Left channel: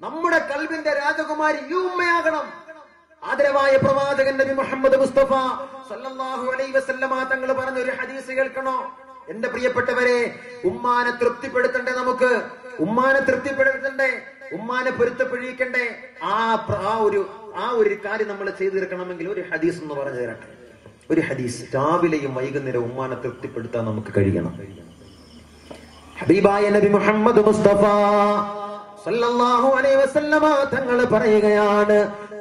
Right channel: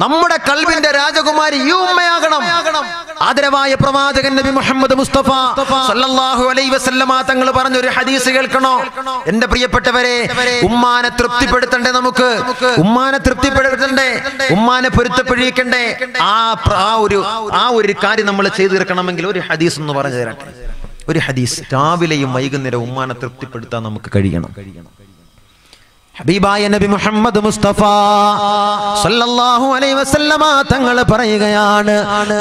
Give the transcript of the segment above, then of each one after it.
നമ്മുടെ ഖൽബിന്റെ രാജകുമാരി ഈ ഉമ്മയാകണം. ആദരവായ പ്രവാചകൻ നബി മുഹമ്മദ് മുസ്തഫ സല്ലല്ലാഹു അലൈഹി വസല്ലമ തങ്ങൾ പറഞ്ഞ ഒരു ഹദീസ് കേൾക്കണോ എന്റെ പ്രിയപ്പെട്ടവരെ? ഉമ്മാനെ തൃപ്തിപ്പെടുത്തണ്ടേ, നമുക്ക് ഉമ്മാനെ തൃപ്തിപ്പെടുത്തണ്ടേ, ഉമ്മാനെ പൊരുത്തപ്പെടിക്കണ്ടേ? ആ ഒരു കാര്യം നമ്മൾ ചെയ്തു തീർക്കണമെങ്കിൽ ഒരു ഹദീസ് എന്ന് പറഞ്ഞു തരട്ടെ. ഒരു ഹദീസ്. രാവിലെയും വൈകുന്നേരം ഉമ്മാനെ തൃപ്തിപ്പെടുത്താൻ നമുക്ക് കഴിയണം. ഹബീബായ നബി മുഹമ്മദ് മുസ്തഫ സല്ലല്ലാഹു അലൈഹി വസല്ലമ തങ്ങൾ പറയുകയാണ്,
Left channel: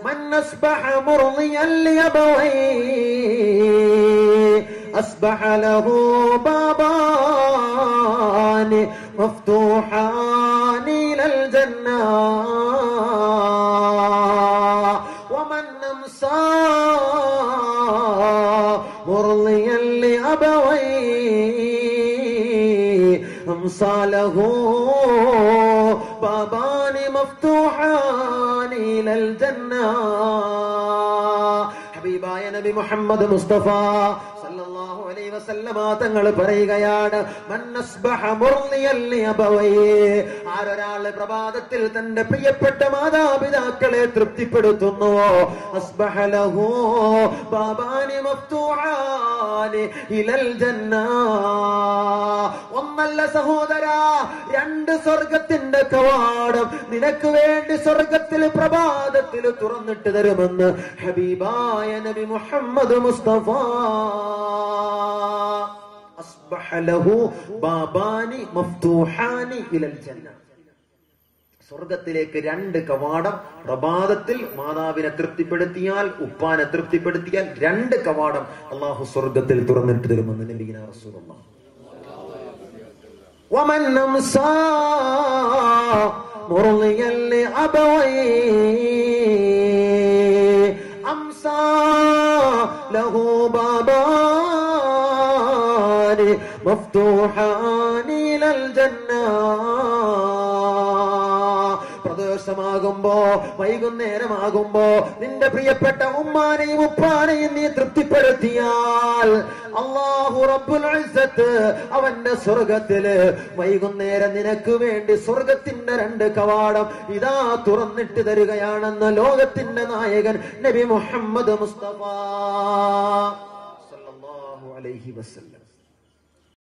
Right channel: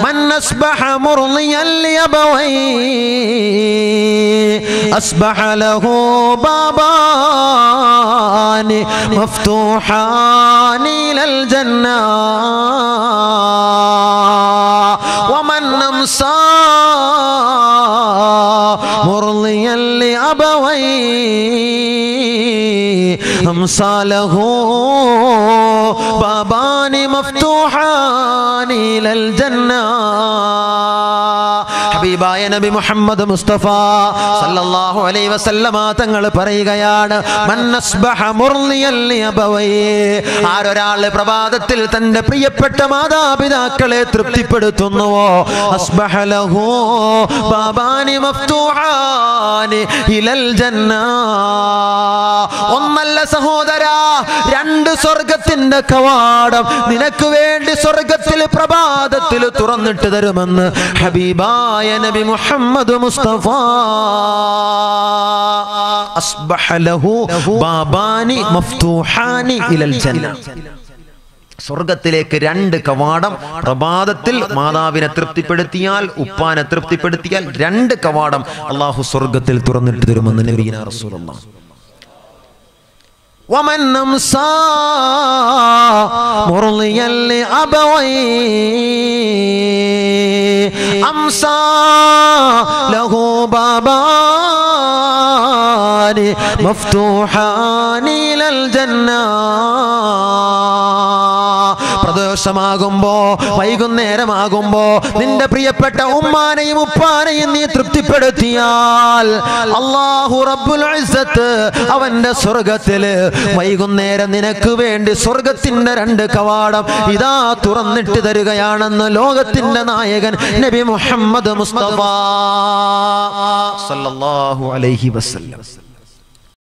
മൻ അസ്ബഹ മുർളിയൻ ലിയബവൈ അസ്ബഹ ലഹു ബാബാനി മഫ്തൂഹാനി ലൽ ജന്ന വമൻ അംസാ മുർളിയൻ ലിയബവൈ അംസാലഹു ബാബാനി മഫ്തൂഹാനി ലൽ ജന്ന. ഹബീബായ നബി മുഹമ്മദ് മുസ്തഫ സല്ലല്ലാഹു അലൈഹി വസല്ലമ തങ്ങൾ പറയുകയാണ്, മൻ അസ്ബഹ മുർളിയൻ ലിയബവൈ, ആരൊരാൾ പ്രഭാതത്തിൽ തന്റെ പ്രിയപ്പെട്ട മാതാപിതാക്കളെ തൃപ്തിപ്പെടുത്തുന്നുവോ, അസ്ബഹ ലഹു ബാബാനി മഫ്തൂഹാനി ഇലൽ ജന്ന. ഒന്നല്ല സഹോദരാ, രണ്ട് സ്വർഗത്തിന്റെ കവാടം നിനക്ക് വേണ്ടി സ്വർഗത്തിൽ പ്രഭാതത്തിൽ തുറന്നിട്ട് തരുമെന്ന് ഹബീബായ നബി മുഹമ്മദ് മുസ്തഫ. അസ്ബഹ ലഹു ബാബാനി മഫ്തൂഹാനി ഇലൽ ജന്ന. സ്വർഗത്തിലേക്ക് രണ്ട് കവാടം. പ്രഭാതത്തിൽ മാതാവിനെ തൃപ്തിപ്പെടുത്തിയാൽ, ഉപ്പാനെ തൃപ്തിപ്പെടുത്തിയാൽ രണ്ട് കവാടം അല്ലാഹു സ്വർഗത്തിൽ തുറന്നിട്ട് തരുമെന്ന് നബിയിന റസൂലുള്ളാഹി. ومن أمسى مرضيا لأبويه أمسى له بابان مفتوحان إلى الجنة. പ്രദോഷമാകുമ്പോ വൈകുന്നേരമാകുമ്പോ നിന്റെ പ്രിയപ്പെട്ട ഉമ്മാനെയും ഉപ്പാനെയും നീ തൃപ്തിപ്പെടുത്തിയാൽ അല്ലാഹു റബ്ബുൽ ഇസ്സത്ത് അവന്റെ സ്വർഗത്തില് വൈകുന്നേരം നിനക്ക് വേണ്ടി സ്വർഗത്തിന്റെ രണ്ട് കവാടം ഇതാ തുറന്നിട്ട് തരികയാണെന്ന് ലോകത്തിന്റെ നായകൻ നബി മുഹമ്മദ് മുസ്തഫ സല്ലല്ലാഹു അലൈഹി വസല്ലം.